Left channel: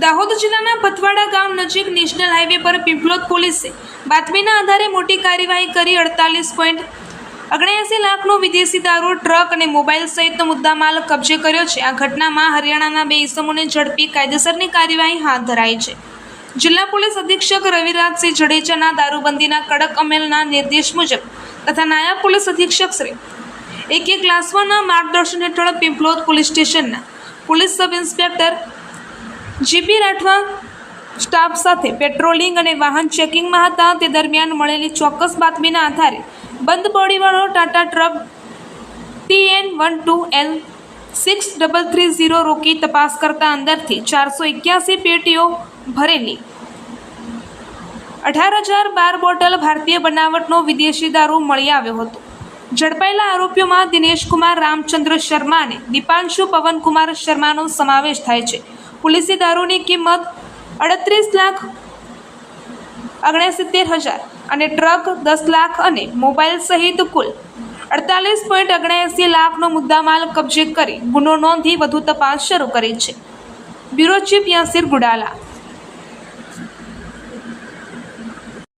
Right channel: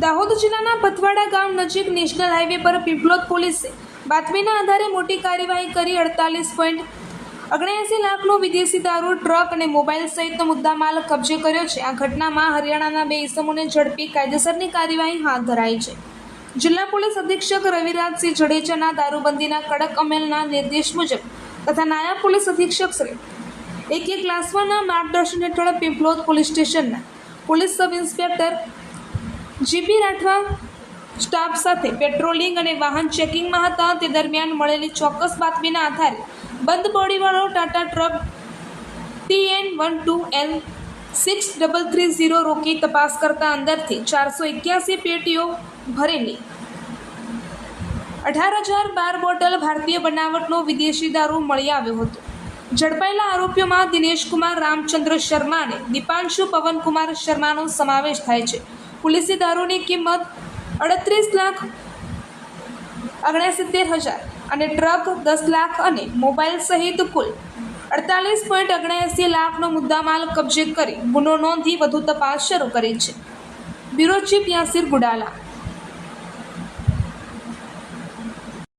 દાહોદ જિલ્લાના પથવાડા ગામ નજીક નેશનલ હાઈવે પર પીપલોદ પોલીસે બાતમીના આધારે મોટી કાર્યવાહી કરી 48.79 લાખનો વિદેશી દારૂ, ટ્રક અને મોબાઈલ સહિતનો મુદ્દામાલ કબજે કર્યો છે। આ ઘટનામાં હરિયાણાના 2 ઇસમોને ઝડપી કાયદેસરની કાર્યવાહી હાથ ધરાઈ છે। જિલ્લા પોલીસ અધિક્ષક રવિરાજસિંહ જડેજાના દારૂબંધીના કડક અમલના નિર્દેશ મુજબ તથા નાયબ પોલીસ અધિક્ષક શ્રી AK ગ્લાસવાના માર્ગદર્શન હેઠળ પીપલોદ પોલીસ સ્ટેશનના police sub inspector GP Rathwa staff સાથે પેટ્રોલિંગ અને વાહન ચેકિંગમાં હતા। તે દરમિયાન મળેલી ચોક્કસ બાતમીના આધારે બંધ બોડીવાળો ટાટા ટ્રક TN12L 6330 રોકી તપાસ કરતા અંદરથી 481 પેટીઓ ભરેલી 18,012 બોટલ ભારતીય બનાવટનો વિદેશી દારૂ મળી આવ્યો હતો। ઝડપાયેલા આરોપીઓમાં દિનેશકુમાર રામચંદ્ર શર્મા અને દીપાંશુ પવનકુમાર શર્માનો સમાવેશ થાય છે। પોલીસે દારૂની કિંમત 38,69,000 અને ટ્રક 10 લાખ અને મોબાઈલ સહિત કુલ 48.79 લાખનો મુદ્દામાલ કબજે કરી ગુનો નોંધી વધુ તપાસ શરૂ કરી છે। Bureau chief Yasir ગુડાલા।